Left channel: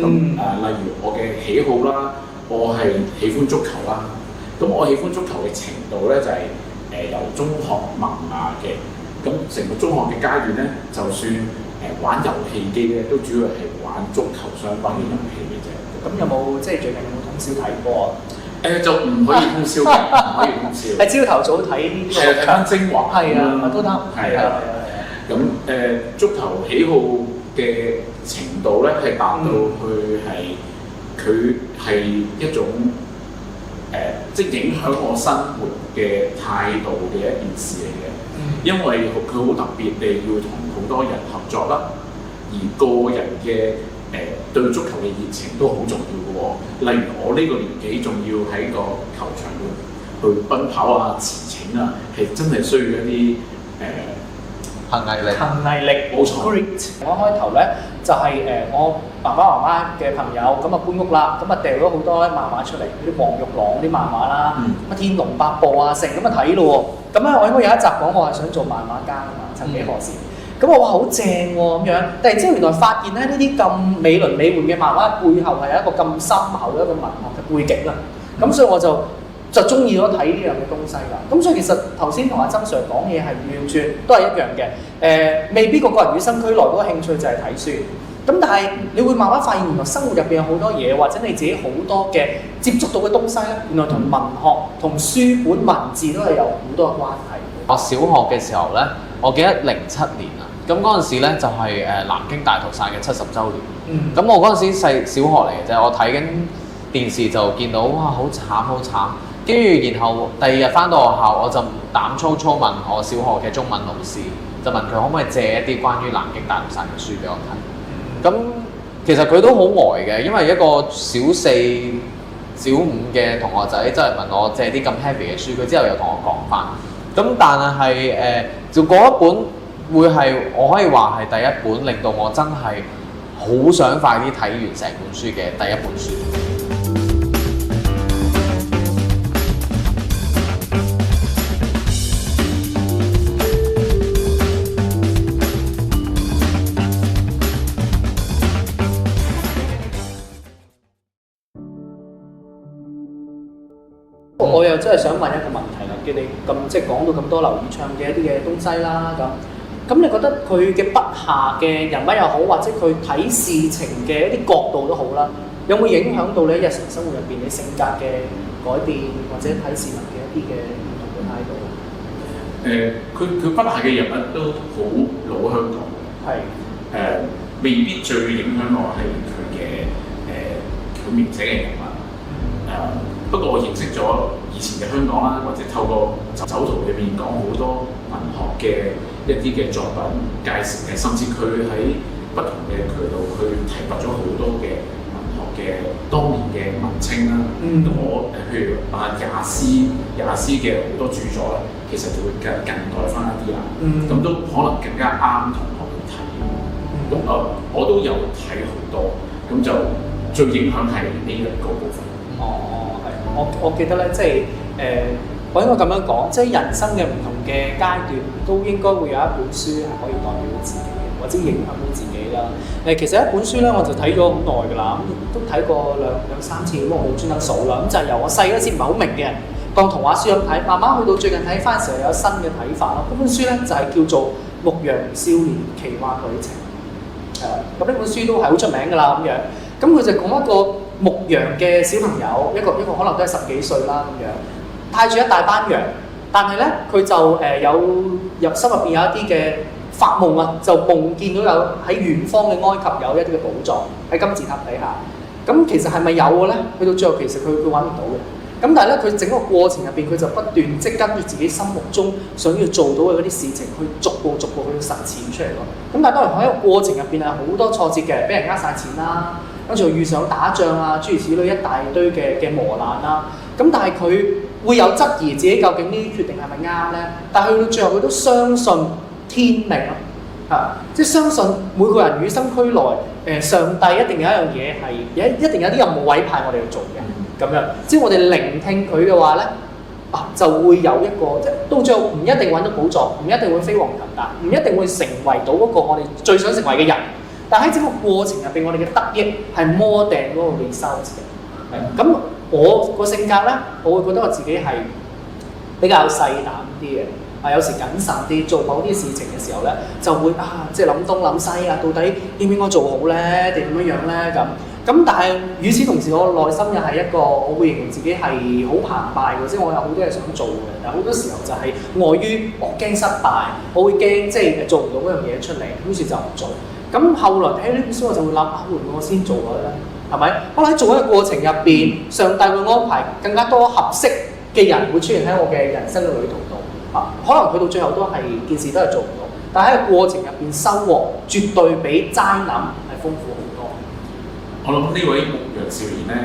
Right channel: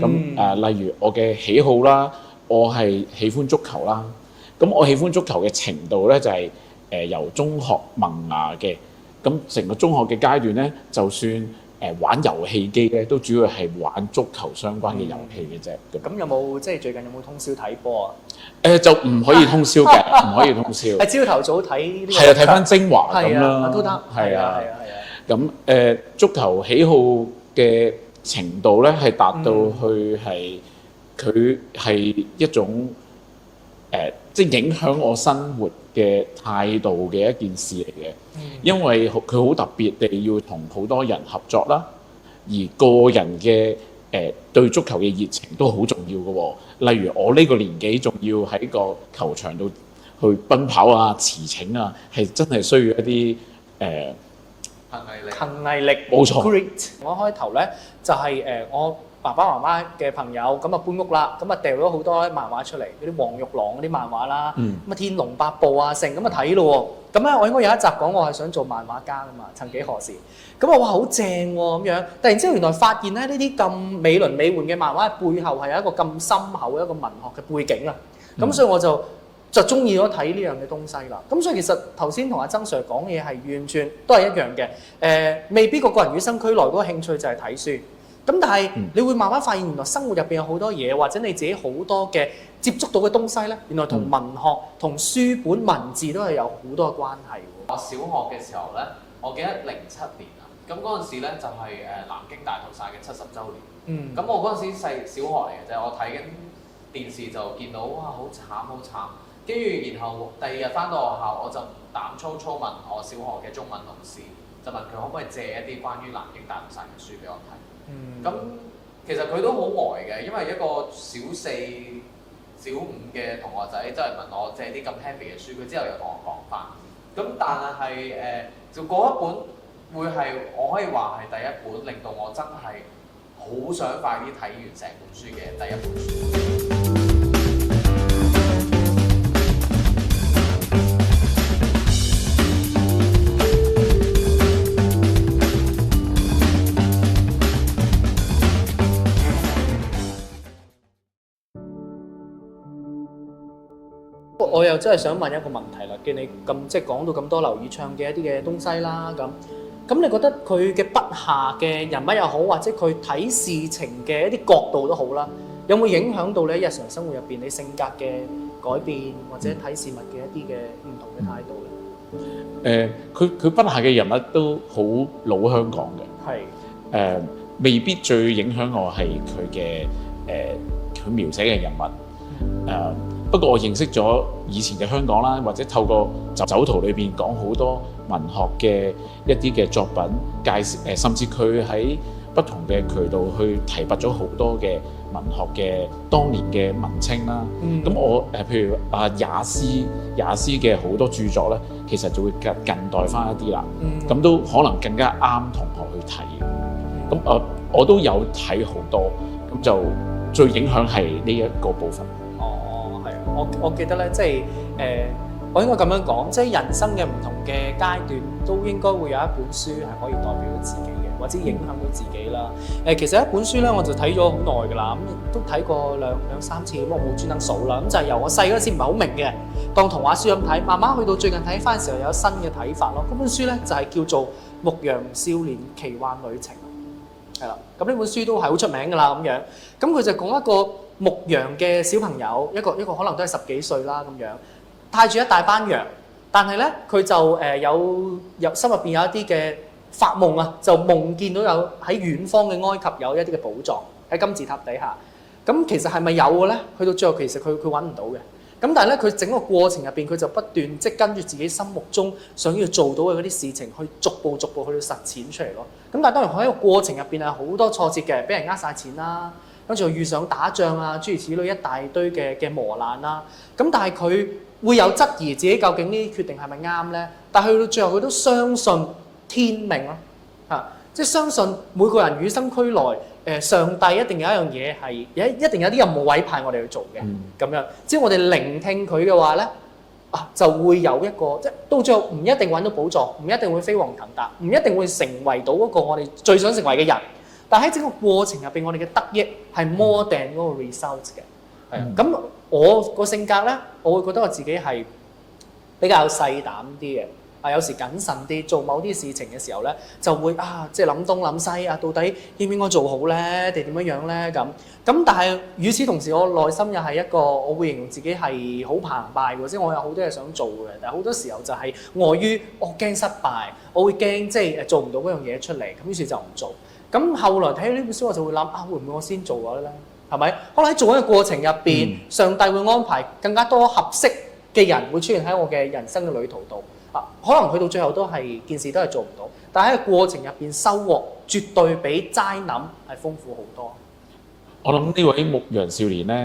咁例如我嘅喜好啦，我係喜歡足球啦。咁我喜歡足球嘅程度咧就係、由中學萌芽嘅。咁成個中學嘅階段咧，就算玩遊戲機咧，都主要係玩足球相關嘅遊戲嘅啫。咁有冇即係最近有冇通宵睇波啊？就唔可以通宵嘅，唔可以通宵。係朝頭早睇呢啲。係啊，睇翻精華咁啦。都得。係啊。咁足球喜好嘅程度咧，係達到去係佢係一種即係影響我生活嘅態度嘅一件事嚟嘅。因為佢好特別地要同好多人合作啦，而個人嘅對足球嘅熱情都好重要嘅喎。例如我呢個年紀仲要喺個球場度去奔跑啊、馳騁啊，係真係需要一啲恒毅力，冇錯。Great。我開頭咧就係我爸爸媽媽嘅朋友咁啊搬屋啦，咁啊掉咗好多漫畫出嚟，嗰啲黃玉郎嗰啲漫畫啦，乜天龍八部啊成咁啊睇咯喎。咁咧我應該有一集講我係想做漫畫家啊嘛，曾幾何時。咁我話好正喎咁樣，突然之間原來發現咧呢啲咁美輪美奐嘅漫畫背後係有一個咁深厚嘅一個文學嘅背景啦。咁所以我就中意咗睇呢樣嘅東西啦。咁所以其實頭先同阿曾 Sir 講嘢係完全都係一樣嘅。未必個人與生俱來嗰個興趣就係睇書。咁但係你會慢慢發現原來生活入邊有好多嘢，或者你自己好多嘅接觸到嘅東西咧，原來同文學、同書本文字都係有好多嘅關係。我小學嘅時候咧，我記得07年啊，咁嗰陣時咧就係南京大屠殺嘅70週年。咁我嗰陣時細小學嚟嘅啫，我睇緊電視就見到哇好慘好慘，跟住然後第二日翻到學校，我就膽粗粗問我小學嘅中文老師，就問佢可唔可以借一啲關於南京大屠殺嘅書俾我睇。咁其實佢都好呆嘅，因為一個小4、小5嘅同學仔真係問我借啲咁 heavy 嘅書，佢之後又同我講翻。咁但係就嗰一本會係我可以話係第一本令到我真係好想快啲睇完成本書嘅第一本書。我又真係想問一個問題啦，見你咁即係講到咁多劉以鬯嘅一啲嘅東西啦，咁你覺得佢嘅筆下嘅人物又好，或者佢睇事情嘅一啲角度都好啦，有冇影響到你日常生活入邊你性格嘅改變，或者睇事物嘅一啲嘅唔同嘅態度？佢筆下嘅人物都好老香港嘅。係。未必最影響我係佢嘅佢描寫嘅人物。不過我認識咗以前嘅香港啦，或者透過酒徒裏邊講好多文學嘅一啲嘅作品介紹，甚至佢喺不同嘅渠道去提拔咗好多嘅文學嘅當年嘅文青啦。咁我譬如也斯嘅好多著作咧，其實就會近代翻一啲啦。咁都可能更加啱同學去睇。咁我都有睇好多，咁就最影響係呢一個部分。我記得咧，即係我應該咁樣講，即係人生嘅唔同嘅階段，都應該會有一本書係可以代表到自己嘅，或者影響到自己啦。其實一本書咧，我就睇咗好耐㗎啦，咁都睇過兩三次，咁我冇專登數啦。咁就係由我細嗰時唔係好明嘅，當童話書咁睇，慢慢去到最近睇翻嘅時候有新嘅睇法咯。嗰本書咧就係叫做《牧羊少年奇幻旅程》。係啦，咁呢本書都係好出名㗎啦，咁樣。咁佢就講一個牧羊嘅小朋友，一個可能都係10幾歲啦咁樣，帶住一大班羊，但係咧佢就有心入邊有一啲嘅發夢啊，就夢見到有喺遠方嘅埃及有一啲嘅寶藏喺金字塔底下。咁其實係咪有嘅咧？去到最後其實佢揾唔到嘅。咁但係咧佢整個過程入邊佢就不斷即係跟住自己心目中想要做到嘅嗰啲事情去逐步去實踐出嚟咯。咁但係當然喺個過程入邊係好多挫折嘅，俾人呃晒錢啦。跟住遇上打仗啊，諸如此類一大堆嘅磨難啦。咁但係佢會有質疑自己究竟呢啲決定係咪啱咧？但係去到最後佢都相信天命咯，即係相信每個人與生俱來，上帝一定有一樣嘢係一定有啲任務委派我哋去做嘅。咁樣，只要我哋聆聽佢嘅話咧，就會有一個即係到最後唔一定揾到寶藏，唔一定會飛黃騰達，唔一定會成為到嗰個我哋最想成為嘅人。但喺整個過程入邊，我哋嘅得益係 more than 嗰個 result 嘅。係咁，我個性格咧，我會覺得我自己係比較細膽啲嘅。有時謹慎啲，做某啲事情嘅時候咧，就會即係諗東諗西啊，到底應唔應該做好咧，定點樣樣咧咁。咁但係與此同時，我內心又係一個，我會形容自己係好澎湃嘅，即係我有好多嘢想做嘅，但係好多時候就係礙於我驚失敗，我會驚即係做唔到嗰樣嘢出嚟，於是就唔做。咁後來睇呢本書，我就會諗會唔會我先做咗咧？係咪？可能喺做嘅過程入邊，上帝會安排更加多合適嘅人會出現喺我嘅人生嘅旅途度。可能去到最後都係件事都係做唔到，但係喺個過程入邊收穫絕對比齋諗係豐富好多。我諗呢位牧羊少年咧，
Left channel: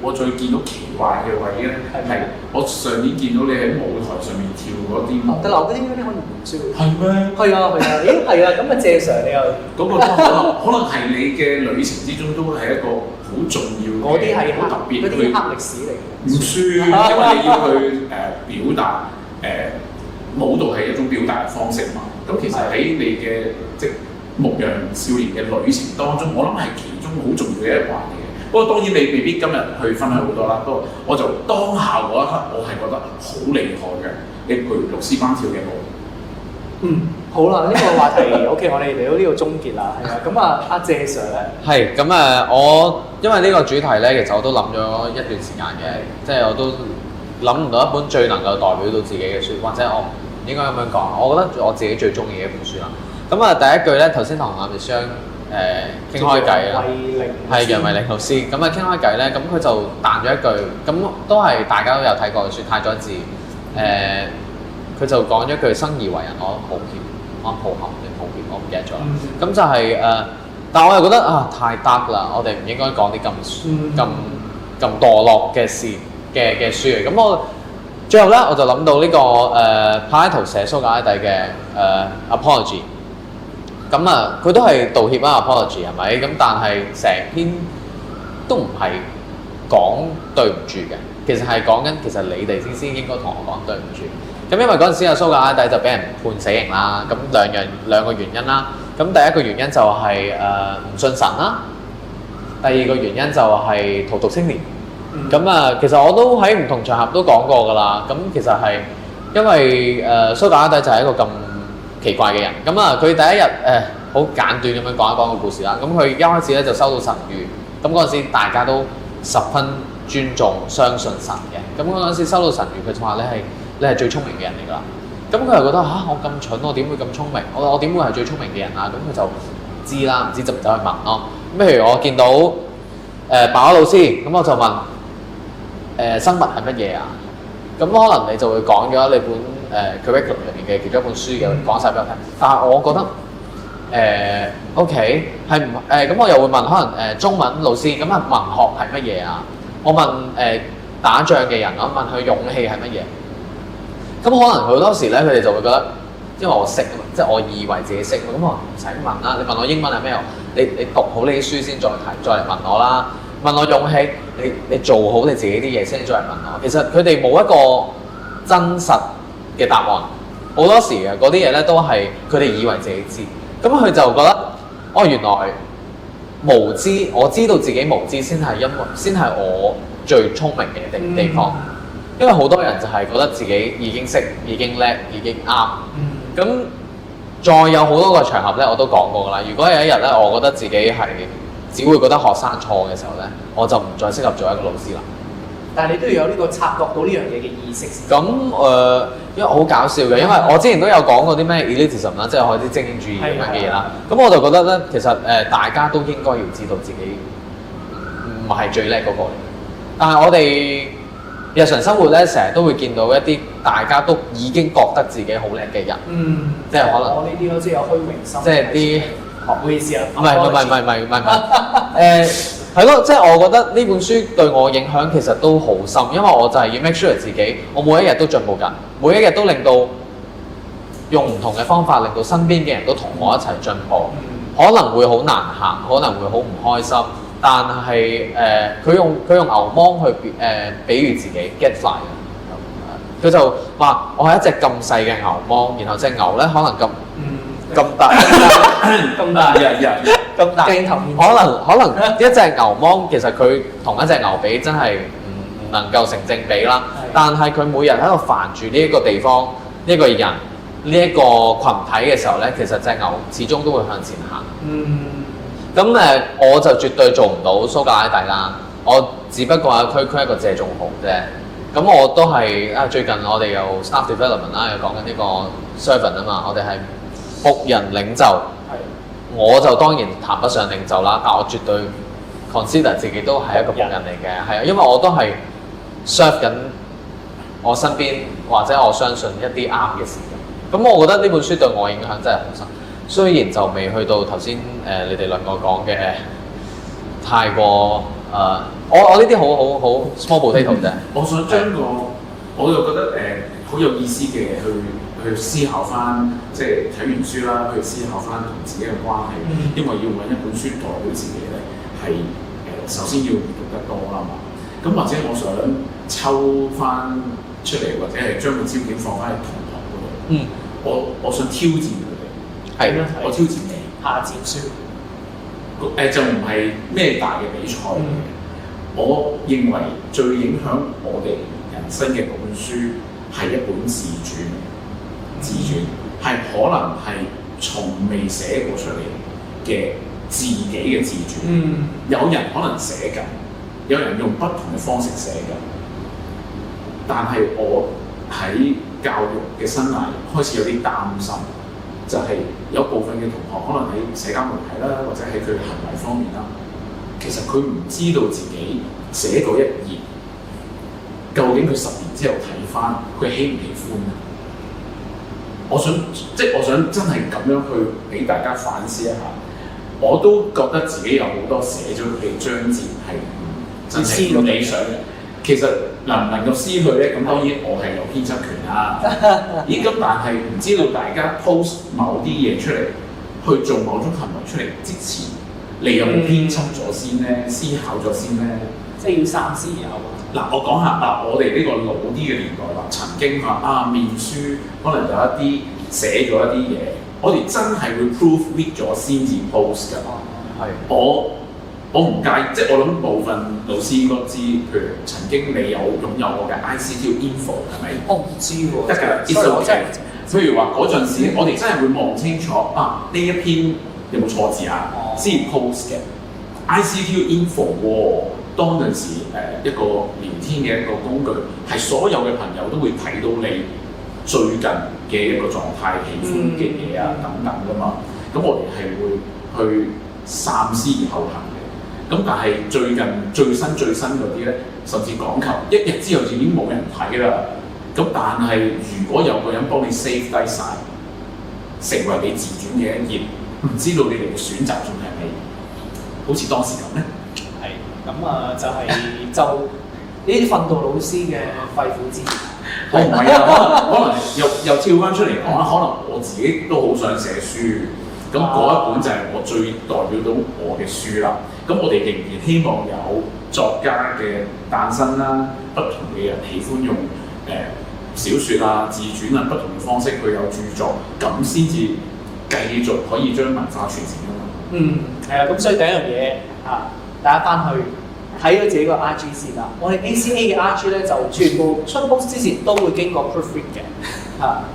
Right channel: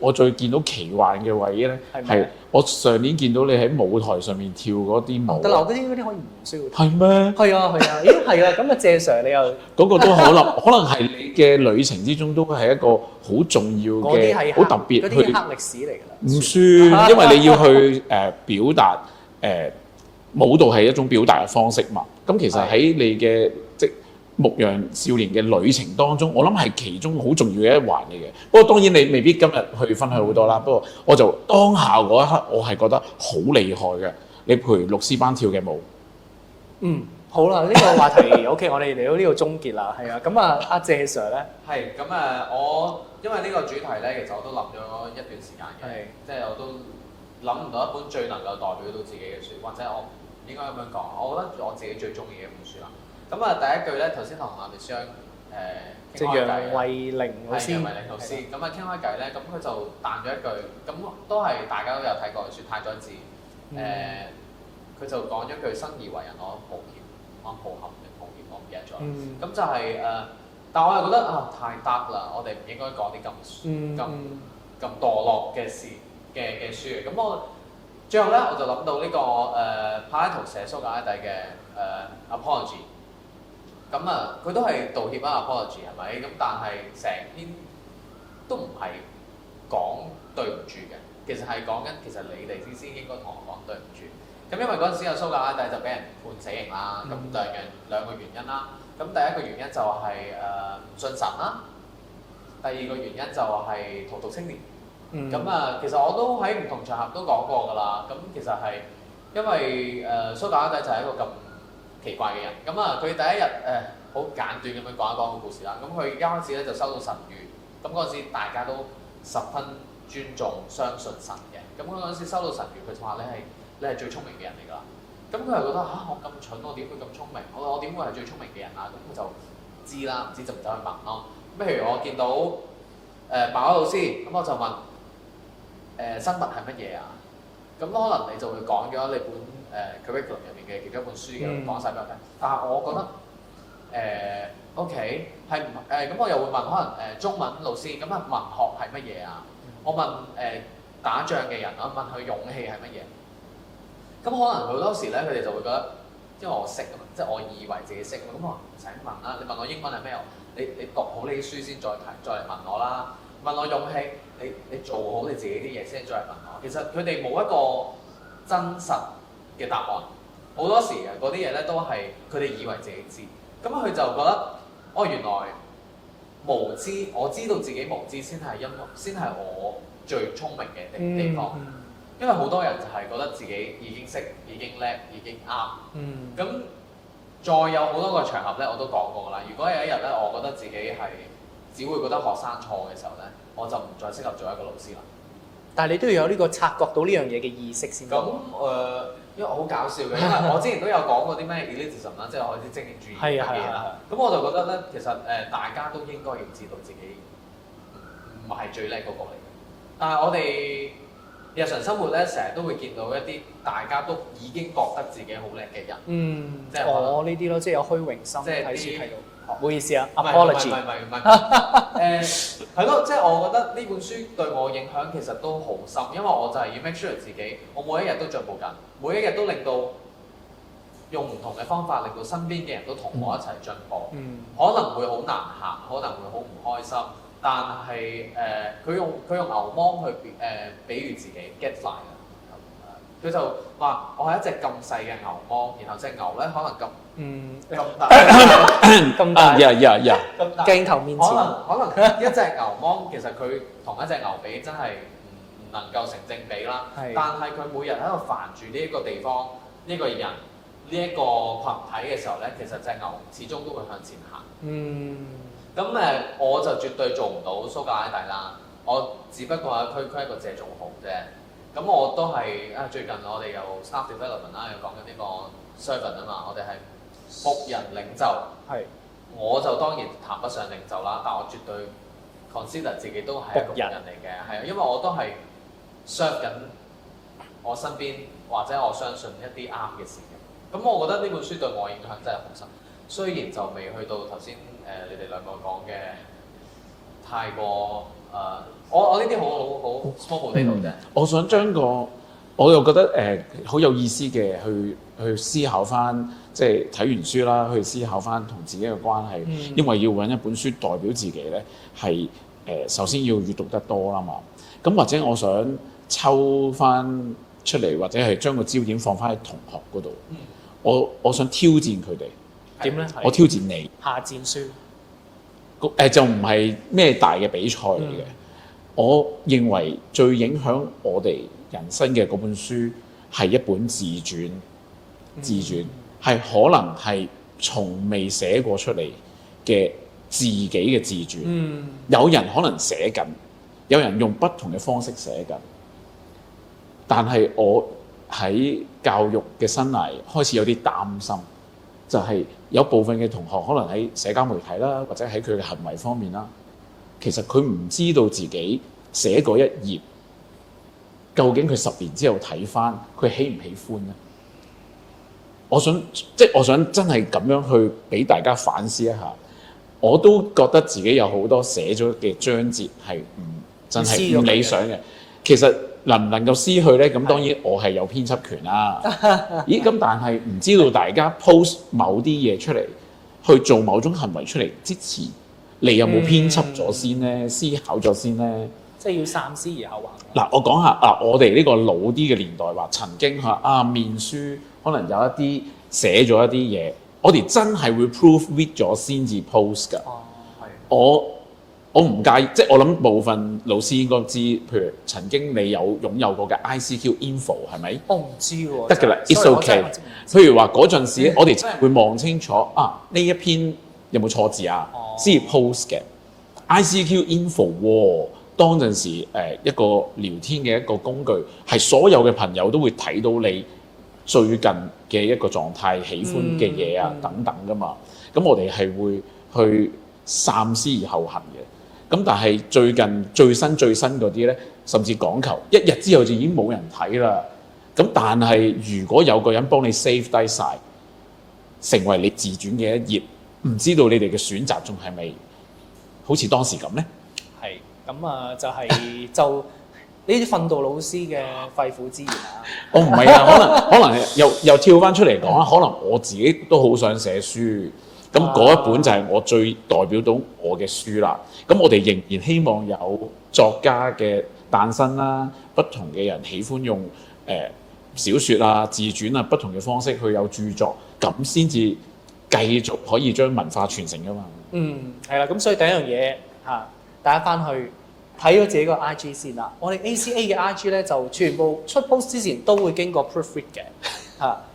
我最見到奇幻嘅位咧，係我上年見到你喺舞台上面跳嗰啲舞。得啦，嗰啲可以唔需要。係咩？係啊，咦係啊，咁啊謝 Sir 你又嗰個都可能係你嘅旅程之中都係一個好重要嘅，嗰啲係好特別嗰啲黑歷史嚟嘅。唔算，因為你要去表達舞蹈係一種表達嘅方式嘛。咁其實喺你嘅牧羊少年嘅旅程當中，我諗係其中好重要嘅一環嚟嘅。不過當然你未必今日去分享好多啦。不過我就當下嗰一刻，我係覺得好厲害嘅。你陪六師班跳嘅舞。好啦，呢個話題 OK， 我哋嚟到呢個終結啦。係啊，咁阿謝 Sir 咧，係咁我因為呢個主題咧，其實我都諗咗一段時間嘅，即係我都諗唔到一本最能夠代表到自己嘅書，或者我應該咁樣講，我覺得我自己最中意嘅一本書啦。咁第一句咧，頭先同阿 Miss 傾開偈啦，係楊慧玲老師。咁傾開偈咧，咁佢就彈咗一句，咁都係大家都有睇過嘅書《太宰治》。佢就講咗一句生而為人，我抱歉，我抱憾定抱歉，我唔記得咗。咁就係但我又覺得太 dark 啦，我哋唔應該講啲咁墮落嘅事嘅書。咁我最後咧，我就諗到呢個柏拉圖寫蘇格拉底嘅Apology。咁佢都係道歉啦 ，apology 係咪？咁但係成篇都唔係講對唔住嘅，其實係講緊其實你哋先應該同我講對唔住。咁因為嗰陣時蘇格拉底就俾人判死刑啦，咁兩個原因啦。咁第一個原因就係唔信神啦，第二個原因就係荼毒青年。咁其實我都喺唔同場合都講過㗎啦。咁其實係因為蘇格拉底就係一個咁奇怪嘅人，咁佢第一日好簡短咁樣講一講個故事啦。咁佢一開始咧就收到神諭，咁嗰陣時大家都十分尊重相信神嘅。咁嗰陣時收到神諭，佢就話你係最聰明嘅人嚟㗎啦。咁佢又覺得我咁蠢，我點會咁聰明？我點會係最聰明嘅人啊？咁佢就知啦，唔知就走去問咯。咁譬如我見到白老師，咁我就問生物係乜嘢啊？咁可能你就會講咗你本curriculum 入面嘅其中一本書嘅講晒俾我聽，但係我覺得OK 係唔咁我又會問可能中文老師咁文學係乜嘢啊？我問打仗嘅人，我問佢勇氣係乜嘢？咁可能好多時咧，佢哋就會覺得，因為我識啊嘛，即係我以為自己識，咁我唔使問啦。你問我英文係咩？你讀好你啲書先再嚟問我啦。問我勇氣，你做好你自己啲嘢先再嚟問我。其實佢哋冇一個真實嘅答案，好多時嘅嗰啲嘢咧都係佢哋以為自己知，咁佢就覺得原來無知，我知道自己無知先係我最聰明嘅地方，因為好多人就係覺得自己已經識、已經叻、已經啱，咁再有好多個場合咧，我都講過㗎啦。如果有一日咧，我覺得自己係只會覺得學生錯嘅時候咧，我就唔再適合做一個老師啦。但係你都要有呢個察覺到呢樣嘢嘅意識先。咁因為好搞笑嘅，因為我之前都有講過啲咩 elitism 啦，即係我啲精英主義嘅嘢啦。咁我就覺得咧，其實大家都應該要知道自己唔係最叻嗰個嚟。但係我哋日常生活咧，成日都會見到一啲大家都已經覺得自己好叻嘅人，即係可能我呢啲咯，即係有虛榮心，即係啲唔好意思啊，唔係係咯，即係我覺得呢本書對我影響其實都好深，因為我就係要 make sure 自己，我每一日都進步緊，每一日都令到用唔同嘅方法，令到身邊嘅人都同我一齊進步。可能會好難行，可能會好唔開心，但係佢用牛虻去比喻自己 get fly 嘅，佢就話我係一隻咁細嘅牛虻，然後隻牛咧可能咁咁大，咁大，咁大，鏡頭面前可能一隻牛芒其實佢同一隻牛比真係唔能夠成正比啦。但係佢每日喺度煩住呢一個地方、呢一個人、呢一個群體嘅時候咧，其實隻牛始終都會向前行。咁我就絕對做唔到蘇格拉底啦。我只不過係區區一個謝仲豪啫。咁我都係最近我哋有 staff development 啦，又講緊呢個 servant 啊嘛，我哋係僕人領袖。我就當然談不上領袖啦，但我絕對 consider 自己都係一個僕人嚟嘅，係啊，因為我都係 serve 緊我身邊或者我相信一啲啱嘅事嘅。咁我覺得呢本書對我影響真係好深，雖然就未去到頭先你哋兩個講嘅太過我呢啲好 small potato 啫。我想將我又覺得好有意思嘅去思考翻，即係睇完書啦，去思考翻同自己嘅關係。因為要揾一本書代表自己咧，係首先要閱讀得多啦嘛。咁或者我想抽翻出嚟，或者係將個焦點放翻喺同學嗰度。我想挑戰佢哋。係咩？我挑戰你。下戰書。就唔係咩大嘅比賽嚟嘅。我認為最影響我哋人生嘅嗰本書係一本自傳。自傳係可能係從未寫過出嚟嘅自己嘅自傳。有人可能寫緊，有人用不同嘅方式寫緊。但係我喺教育嘅生涯開始有啲擔心，就係有部分嘅同學可能喺社交媒體啦，或者喺佢嘅行為方面啦，其實佢唔知道自己寫嗰一頁，究竟佢10年之後睇翻，佢喜唔喜歡啊？我想真係咁樣去俾大家反思一下。我都覺得自己有好多寫咗嘅章節係真係唔理想嘅。其實能唔能夠撕去咧？咁當然我係有編輯權啦。咦？咁但係唔知道大家 post 某啲嘢出嚟，去做某種行為出嚟之前，你有冇編輯咗先咧？思考咗先咧？即係要三思而後行。嗱，我講下我哋呢個老啲嘅年代話，曾經面書可能有一啲寫咗一啲嘢，我哋真係會 proofread 咗先至 post 㗎。我唔介意，即係我諗部分老師應該知，譬如曾經你有擁有過嘅 ICQ info 係咪？我唔知喎。得㗎啦，it's okay。譬如話嗰陣時，我哋真係會望清楚呢一篇有冇錯字啊，先 post 嘅 ICQ info 喎。當陣時一個聊天嘅一個工具，係所有嘅朋友都會睇到你最近嘅一個狀態、喜歡嘅嘢啊等等㗎嘛。咁我哋係會去三思而後行嘅。咁但係最近最新嗰啲咧，甚至講求1日之後就已經冇人睇啦。咁但係如果有個人幫你 save 低晒，成為你自傳嘅一頁，唔知道你哋嘅選擇仲係咪好似當時咁咧？係咁就呢啲訓導老師嘅肺腑之言啊！唔係啊，可能又跳翻出嚟講啦。可能我自己都好想寫書，咁嗰一本就係我最代表到我嘅書啦。咁我哋仍然希望有作家嘅誕生啦，不同嘅人喜歡用小説啊、自傳啊不同嘅方式去有著作，咁先至繼續可以將文化傳承㗎嘛。係啦，咁所以第一樣嘢大家翻去睇咗自己個 IG 先啦。我哋 ACA 嘅 IG 咧就全部出 post 之前都會經過 proofread 嘅，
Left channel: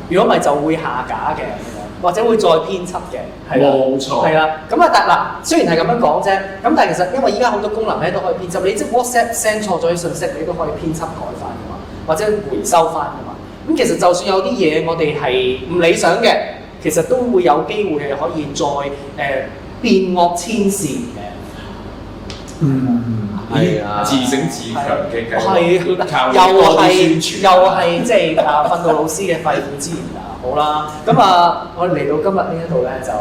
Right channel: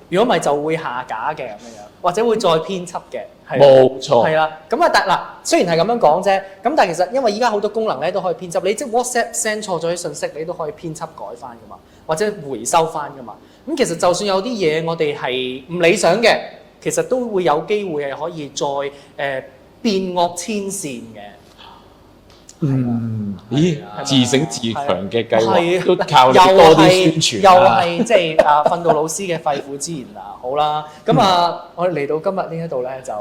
如果唔係就會下架嘅咁樣，或者會再編輯嘅。冇錯。係啦，咁但嗱雖然係咁樣講啫，咁但係其實因為依家好多功能咧都可以編輯，你即係 WhatsApp send 錯咗啲信息，你都可以編輯改翻㗎嘛，或者回收翻㗎嘛。咁其實就算有啲嘢我哋係唔理想嘅，其實都會有機會係可以再變惡千善嘅。自省自強嘅計劃，靠你多啲宣傳，又係即係訓導老師嘅肺腑之言啊！好啦，咁我哋嚟到今日呢一度咧，就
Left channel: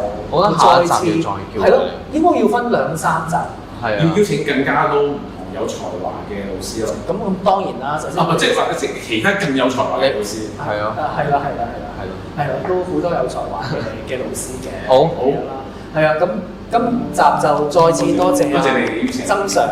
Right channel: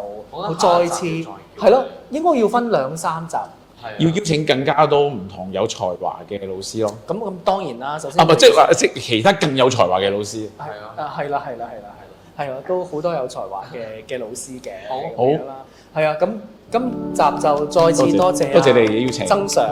再次係咯，應該要分2-3集，要邀請更加多唔同有才華嘅老師咯。咁當然啦，首先即係其他更有才華嘅老師，係啦，都好多有才華嘅老師嘅。好係啊，咁今集就再次多謝你邀請曾 Sir